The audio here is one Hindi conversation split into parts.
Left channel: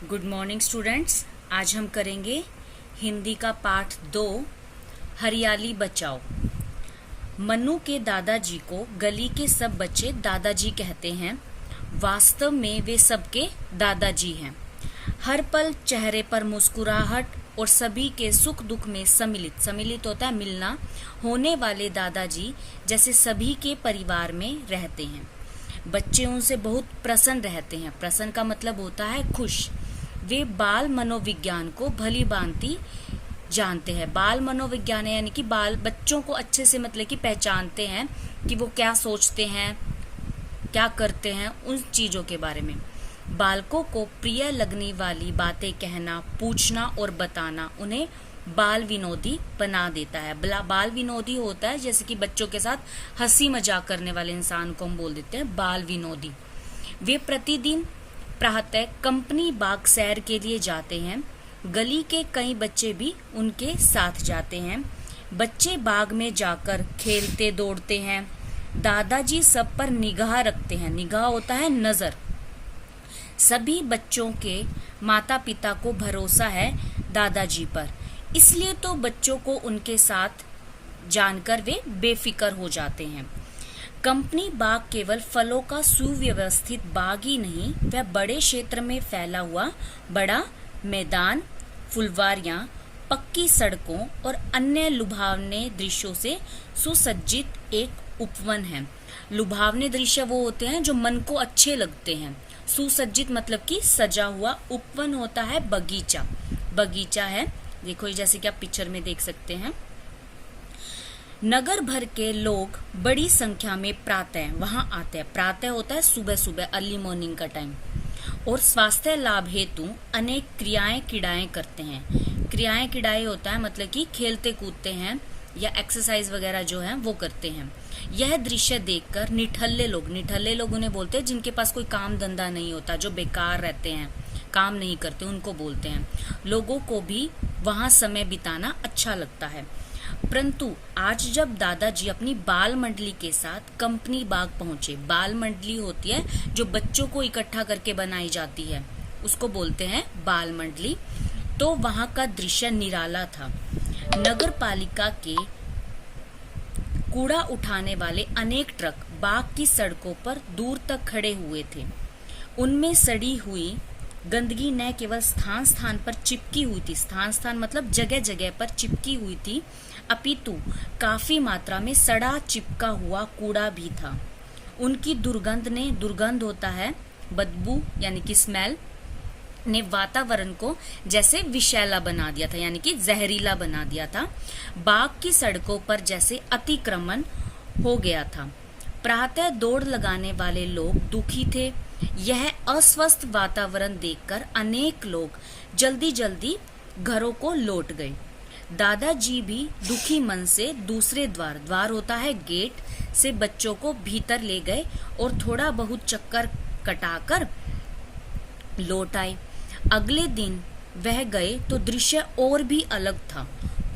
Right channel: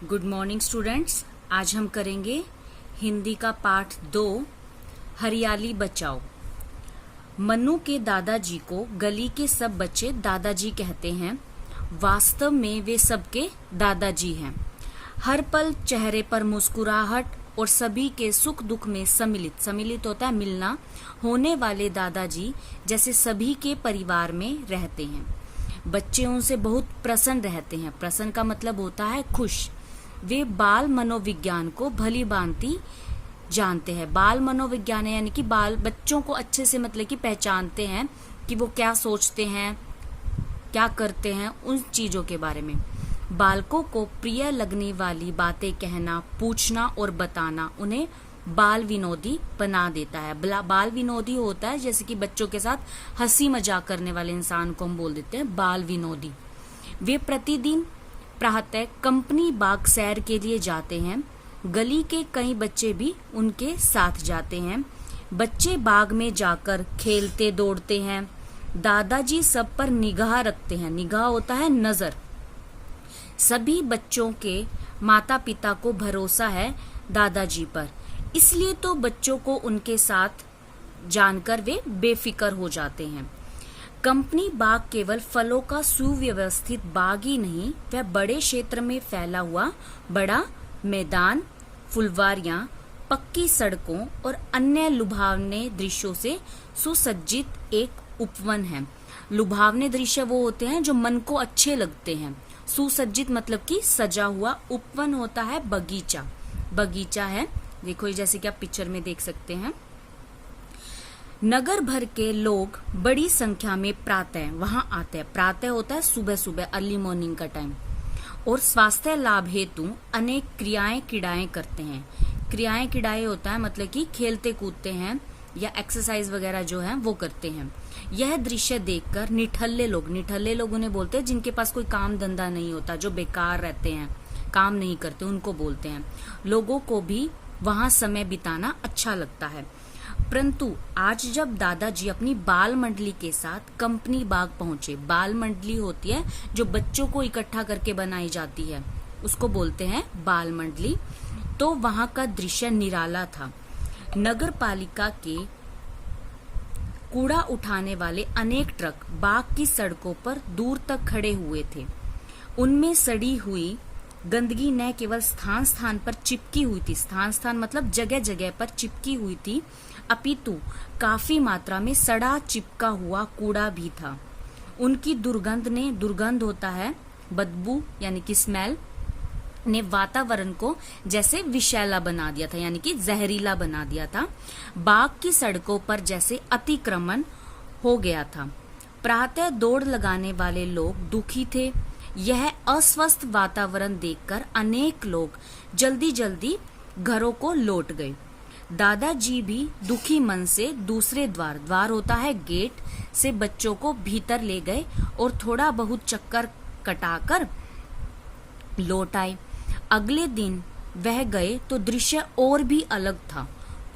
Good morning students. आज हम करेंगे हिंदी का पाठ 2 हरियाली बचाओ। मन्नू के दादाजी को गली के सब बच्चे दादाजी कहते हैं। वास्तव में वे सबके दादाजी हैं। हर पल चेहरे पर मुस्कुराहट और सभी के सुख दुख में सम्मिलित होता है मिलना होने वाले दादाजी जैसे सभी के परिवार में रहते हैं। बच्चे उनसे बहुत प्रसन्न रहते हैं। प्रसन्न का मतलब होता है खुश। वे बाल मनोविज्ञान को भली भांति जानते हैं। बाल मनोविज्ञान यानी कि बाल बच्चों को अच्छे से मतलब कि पहचानते हैं कि वो क्या सोचते हैं, क्या करते हैं, उन चीजों के बारे में। बालकों को प्रिय लगने वाली बातें कहना, पूछना और बताना उन्हें बाल विनोदी बना देता है। बाल विनोदी होता है जैसे कि बच्चों के साथ हंसी मजाक करने वाले इंसान को हम बोल देते हैं बाल विनोदी। वे प्रतिदिन प्रातः कंपनी बाग सैर के लिए जाते हैं। गली के कई बच्चे भी उनके साथ जाते हैं। बच्चे बाग में जाकर खेलते दौड़ते हैं। दादाजी सब पर निगाह रखते हैं। निगाह होता है नजर। सभी बच्चों के माता पिता को भरोसा है दादाजी पर, इसलिए तो बच्चों को उनके साथ जानकर वे बेफिक्र हो जाते हैं। कंपनी बाग केवल फलों का सुव्यवस्थित बाग ही नहीं, वह बड़े क्षेत्र में फैला हुआ बड़ा मैदान, फुलवारियां, पक्की सड़कों और अन्य लुभावने दृश्यों से सुसज्जित एक उपवन है। लुभावने दृश्य वो होते हैं जो मन को अच्छे लगते हैं। सुसज्जित मतलब कि सजा हुआ। उपवन होता है बगीचा। बगीचा है, देखो जैसे कि आप पिक्चर में देख सकते हैं। नगर भर के लोग बड़ी संख्या में प्रातः वहां आते हैं। प्रातः होता है सुबह सुबह, अर्ली मॉर्निंग का टाइम। और स्वास्थ्य लाभ हेतु अनेक क्रियाएं किड़ाएं करते हैं। क्रियाएं किड़ाएं होता है मतलब कि खेलते कूदते हैं या एक्सरसाइज वगैरह जो है वो करते हैं। यह दृश्य देखकर निठल्ले लोग उन्हें बोलते हैं जिनके पास कोई काम धंधा नहीं होता, जो बेकार रहते हैं, काम नहीं करते, उनको बोलते हैं। लोगों को भी वहां समय बिताना अच्छा लगता है। परंतु आज जब दादाजी अपनी बाल मंडली के साथ कंपनी बाग पहुंचे, बाल मंडली होती है जो बच्चों को इकट्ठा करके बनाई जाती है, उसको बोलते हैं बाल मंडली, तो वहां का दृश्य निराला था। नगर पालिका के कूड़ा उठाने वाले अनेक ट्रक बाग की सड़कों पर दूर तक खड़े हुए थे। उनमें सड़ी हुई गंदगी न केवल स्थान स्थान पर चिपकी हुई थी, स्थान स्थान मतलब जगह जगह पर चिपकी हुई थी, अपितु काफी मात्रा में सड़ा चिपका हुआ कूड़ा भी था। उनकी दुर्गंध होता है बदबू यानी कि स्मेल, ने वातावरण को जैसे विषैला बना दिया था, यानी कि जहरीला बना दिया था। बाग की सड़कों पर जैसे अतिक्रमण हो गया था। प्रातः दौड़ लगाने वाले लोग दुखी थे। यह अस्वस्थ वातावरण देखकर अनेक लोग जल्दी जल्दी घरों को लौट गए। दादाजी भी दुखी मन से दूसरे द्वार होता है गेट से बच्चों को भीतर ले गए और थोड़ा बहुत चक्कर कटाकर लौट आए। अगले दिन वह गए तो दृश्य और भी अलग था।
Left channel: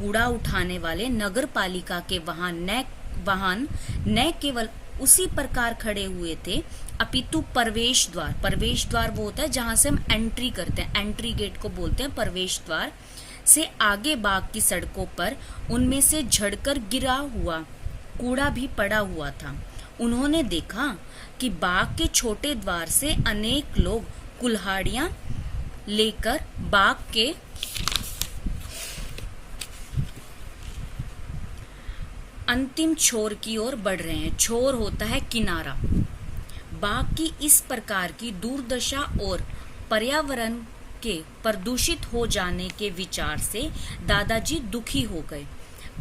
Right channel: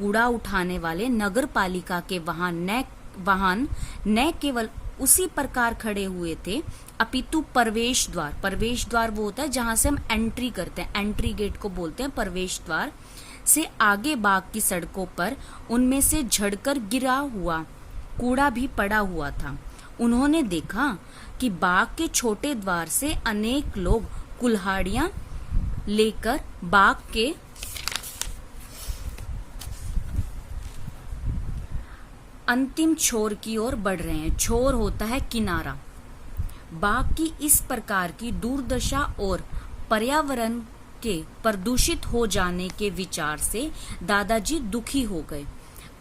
कूड़ा उठाने वाले नगर पालिका के वाहन न केवल उसी प्रकार खड़े हुए थे, अपितु प्रवेश द्वार वो होता है जहां से हम एंट्री करते हैं, एंट्री गेट को बोलते हैं प्रवेश द्वार, से आगे बाग की सड़कों पर उनमें से झड़कर गिरा हुआ कूड़ा भी पड़ा हुआ था। उन्होंने देखा कि बाग के छोटे द्वार से अनेक लोग कुल्हाड़ियां लेकर बाग के अंतिम छोर की ओर बढ़ रहे हैं। छोर होता है किनारा। बाग की इस प्रकार की दुर्दशा और पर्यावरण के प्रदूषित हो जाने के विचार से दादाजी दुखी हो गए।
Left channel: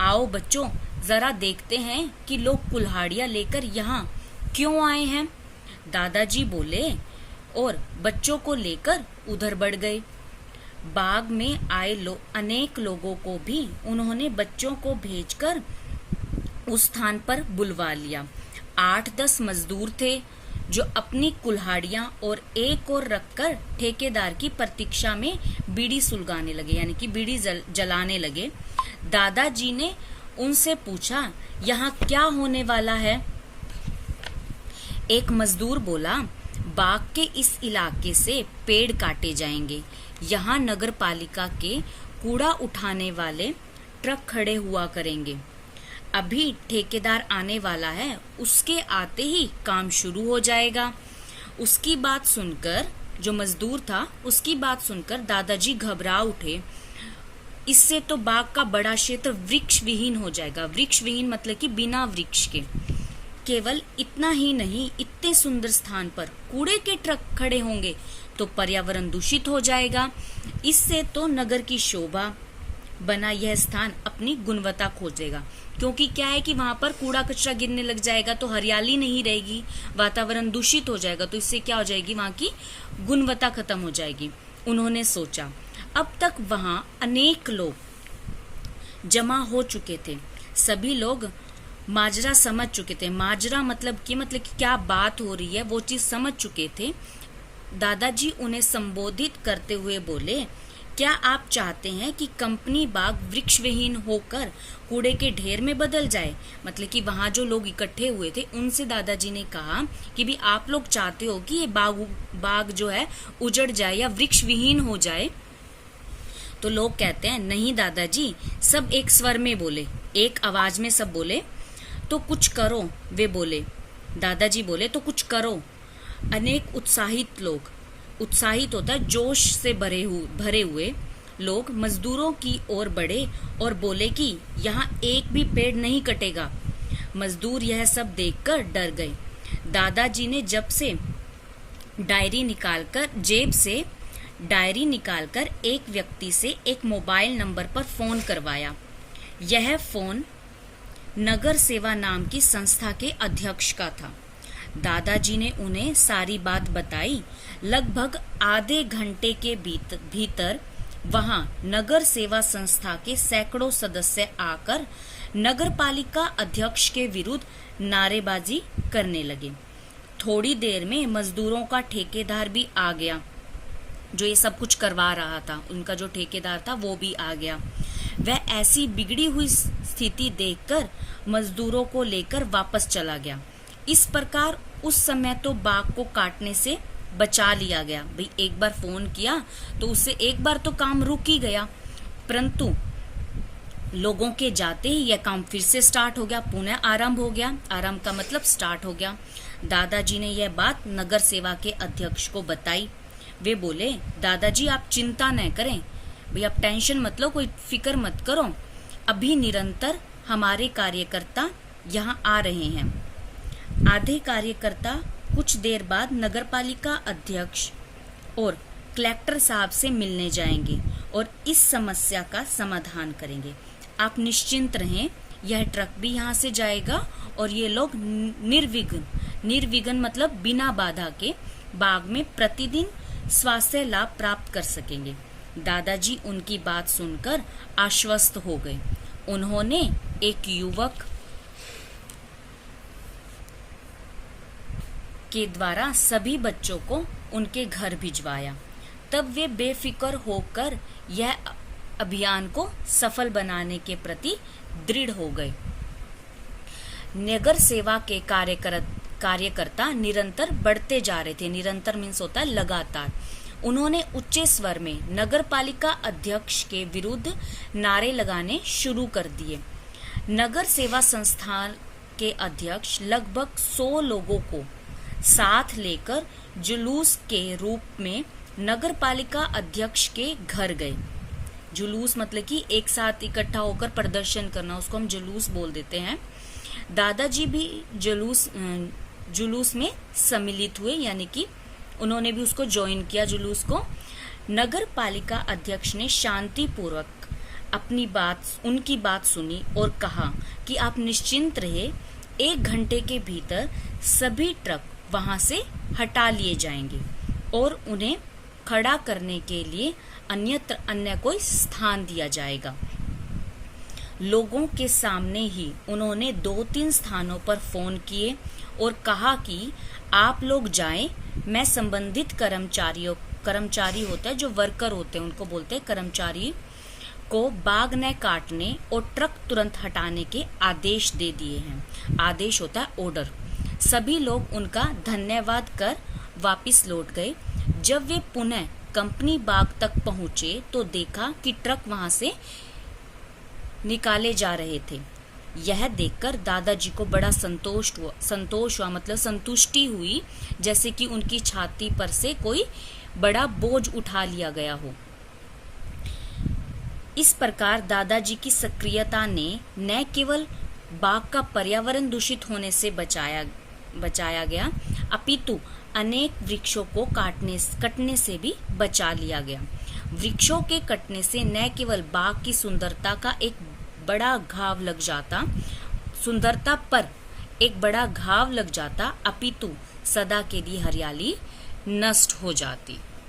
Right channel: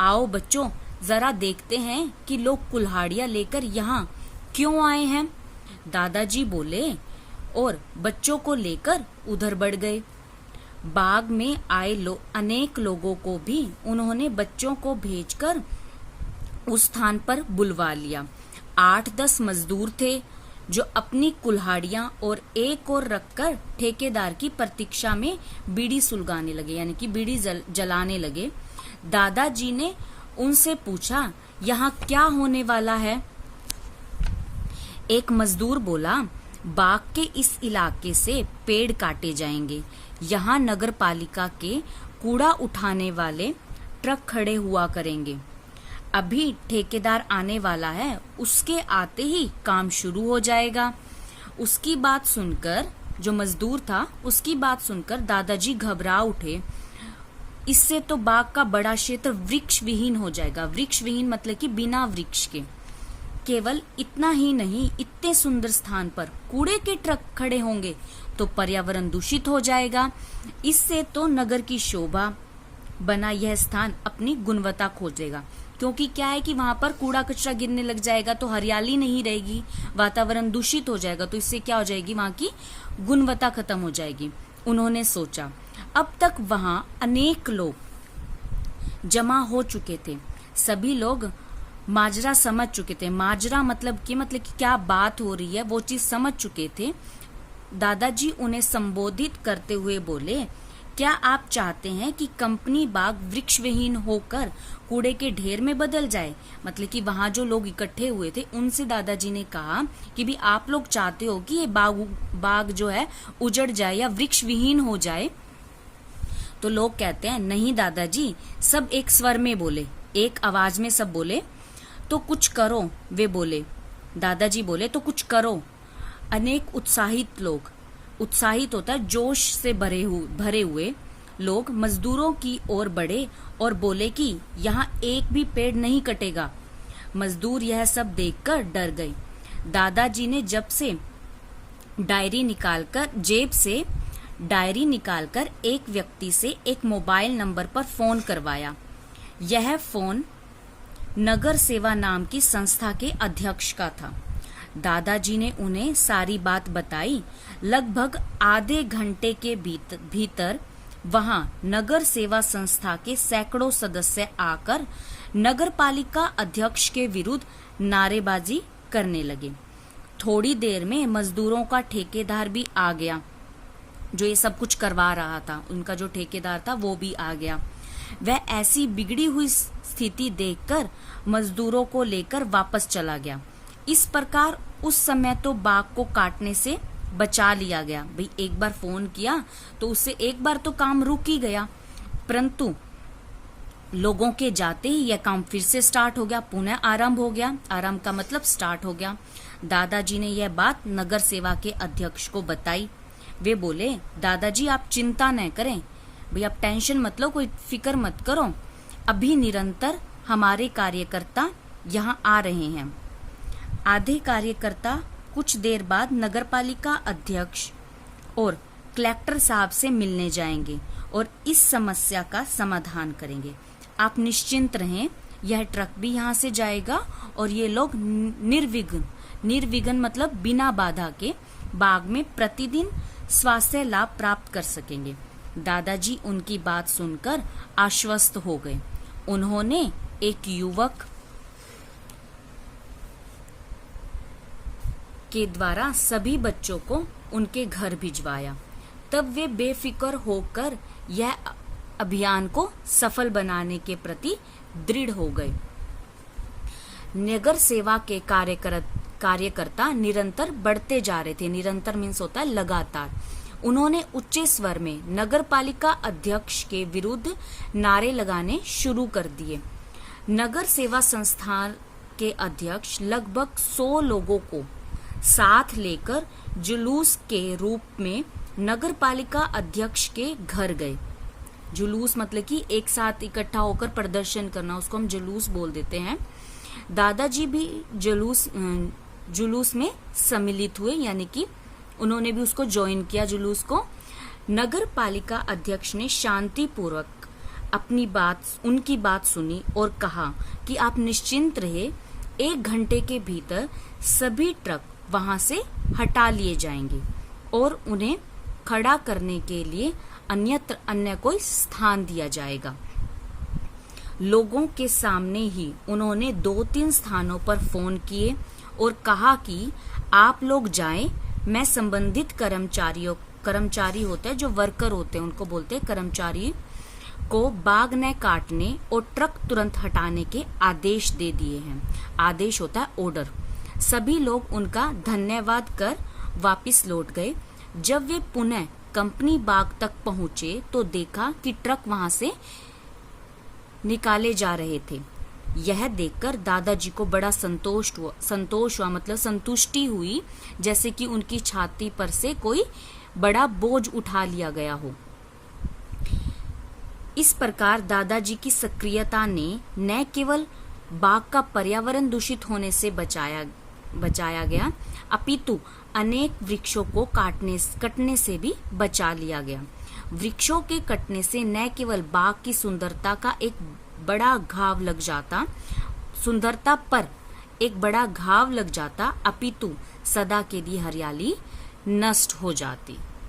आओ बच्चों, जरा देखते हैं कि लोग कुल्हाड़ियां लेकर यहाँ क्यों आए हैं, दादाजी बोले और बच्चों को लेकर उधर बढ़ गए। बाग में आए अनेक लोगों को भी उन्होंने बच्चों को भेजकर उस स्थान पर बुलवा लिया। 8-10 मजदूर थे जो अपनी कुल्हाड़ियां और एक और रखकर ठेकेदार की प्रतीक्षा में बीड़ी सुलगाने लगे, यानी कि बीड़ी जलाने लगे। दादाजी ने उनसे पूछा, यहाँ क्या होने वाला है? एक मजदूर बोला, बाग के इस इलाके से पेड़ काटे जाएंगे। यहाँ नगर पालिका के कूड़ा उठाने वाले ट्रक खड़े हुआ करेंगे। अभी ठेकेदार आने वाला है, उसके आते ही काम शुरू हो जाएगा। उसकी बात सुनकर, जो मजदूर था, उसकी बात सुनकर दादाजी घबरा उठे। इससे तो बाग का बड़ा क्षेत्र वृक्ष विहीन हो जाएगा। वृक्ष विहीन मतलब कि बिना वृक्ष के। केवल इतना ही नहीं, इतने सुंदर स्थान पर कूड़े के ट्रक खड़े होंगे तो पर्यावरण दूषित हो जाएगा। इससे तो नगर की शोभा बना यह स्थान अपनी गुणवत्ता खोजेगा। क्योंकि क्या है कि वहां पर कूड़ा कचरा गिरने लग जाएगा तो हरियाली नहीं रहेगी, वातावरण दूषित हो जाएगा, तो इससे क्या हो जाएगी, वहां की गुणवत्ता खत्म हो जाएगी। उन्होंने सोचा, अब तक वहां अनेक लोग जमा हो चुके थे। सभी लोग माजरा समझ चुके थे। माजरा मतलब कि क्या बात हो रही है वो चीज समझ चुके थे। दादाजी उन्हें संबोधित करते हुए बोले, क्या आप चाहते हैं कि कंपनी बाग वृक्ष विहीन होकर कूड़े के ढेर में बदल जाए? मतलब कि वहां जो लोग इकट्ठे हुए थे उनसे दादाजी ने कहा कि भी आप लोग चाहते हो कि ये बाग जो है उजड़ जाए या वृक्ष विहीन हो जाए? तो लोग कहते हैं, नहीं दादाजी। सब एक स्वर में बोले, एक आवाज में सब बोले, तो कुछ करो। वे बोले, दादाजी बोले, तो कुछ करो। अनेक उत्साहित लोग, उत्साहित होता है जोश से भरे हुए लोग मजदूरों की ओर बढ़े और बोले कि यहाँ एक भी पेड़ नहीं कटेगा। मजदूर यह सब देखकर डर गए। दादाजी ने जेब से डायरी निकालकर एक व्यक्ति से एक मोबाइल नंबर पर फोन करवाया। यह फोन नगर सेवा नाम की संस्था के अध्यक्ष का था। दादाजी ने उन्हें सारी बात बताई। लगभग आधे घंटे के भीतर वहां नगर सेवा संस्था के सैकड़ों सदस्य आकर नगर पालिका अध्यक्ष के विरुद्ध नारेबाजी करने लगे। थोड़ी देर में मजदूरों का ठेकेदार भी आ गया, जो ये सब कुछ करवा रहा था। उनका जो ठेकेदार था वो भी आ गया। वह ऐसी बिगड़ी हुई स्थिति देखकर मजदूरों को लेकर वापस चला गया। इस प्रकार उस समय तो बाग को काटने से बचा लिया गया। भाई एक बार फोन किया तो उससे एक बार तो काम रुक ही गया, परंतु लोगों के जाते ही यह काम फिर से स्टार्ट हो गया, पुनः आरंभ हो गया। आरंभ का मतलब स्टार्ट हो गया। दादाजी ने यह बात नगर सेवा के अध्यक्ष को बताई। वे बोले, दादाजी आप चिंता न करें, भाई आप टेंशन मत लो, कोई फिक्र मत करो। अभी निरंतर हमारे कार्यकर्ता यहाँ आ रहे हैं। आधे कार्यकर्ता कुछ देर बाद नगरपालिका अध्यक्ष और कलेक्टर साहब से मिलने जाएंगे और इस समस्या का समाधान करेंगे। आप निश्चिंत रहें, यह ट्रक भी यहाँ से जाएगा और ये लोग निर्विघ्न मतलब बिना बाधा के बाग में प्रतिदिन स्वास्थ्य लाभ प्राप्त कर सकेंगे। दादाजी उनकी बात सुनकर आश्वस्त हो गए। उन्होंने एक युवक के द्वारा सभी बच्चों को उनके घर भिजवाया। तब वे बेफिक्र होकर यह अभियान को सफल बनाने के प्रति दृढ़ हो गए। नगर सेवा के कार्यकर्ता निरंतर बढ़ते जा रहे थे। निरंतर मीन्स होता है लगातार। उन्होंने उच्च स्वर में नगर पालिका अध्यक्ष के विरुद्ध नारे लगाने शुरू कर दिए। नगर सेवा संस्थान के अध्यक्ष लगभग 100 लोगों को साथ लेकर जुलूस के रूप में नगर पालिका अध्यक्ष के घर गए। जुलूस मतलब कि एक साथ इकट्ठा होकर प्रदर्शन करना, उसको हम जुलूस बोल देते हैं। दादाजी भी जुलूस में सम्मिलित हुए, यानी कि उन्होंने भी उसको ज्वाइन किया जुलूस को। नगर पालिका अध्यक्ष ने शांति पूर्वक उनकी बात सुनी और कहा कि आप निश्चिंत रहे, 1 घंटे के भीतर सभी ट्रक वहां से हटा लिए जाएंगे और उन्हें खड़ा करने के लिए अन्य कोई स्थान दिया जाएगा। लोगों के सामने ही उन्होंने 2-3 स्थानों पर फोन किए और कहा कि आप लोग जाएं, मैं संबंधित कर्मचारी होते हैं, जो वर्कर होते हैं उनको बोलते हैं कर्मचारी, को बाग न काटने और ट्रक तुरंत हटाने के आदेश दे दिए हैं। आदेश होता है ऑर्डर। सभी लोग उनका धन्यवाद कर वापस लौट गए। जब वे पुनः कंपनी बाग तक पहुंचे तो देखा कि ट्रक वहां से निकाले जा रहे थे। यह देखकर दादाजी को बड़ा संतोष हुआ मतलब संतुष्टि हुई, जैसे कि उनकी छाती पर से कोई बड़ा बोझ उठा लिया गया हो। इस प्रकार दादाजी की सक्रियता ने न केवल बाग का पर्यावरण दूषित होने से बचाया गया, अपितु अनेक वृक्षों को कटने से भी बचा लिया गया। वृक्षों के कटने से न केवल बाग की सुंदरता पर एक बड़ा घाव लग जाता, अपितु सदा के लिए हरियाली नष्ट हो जाती।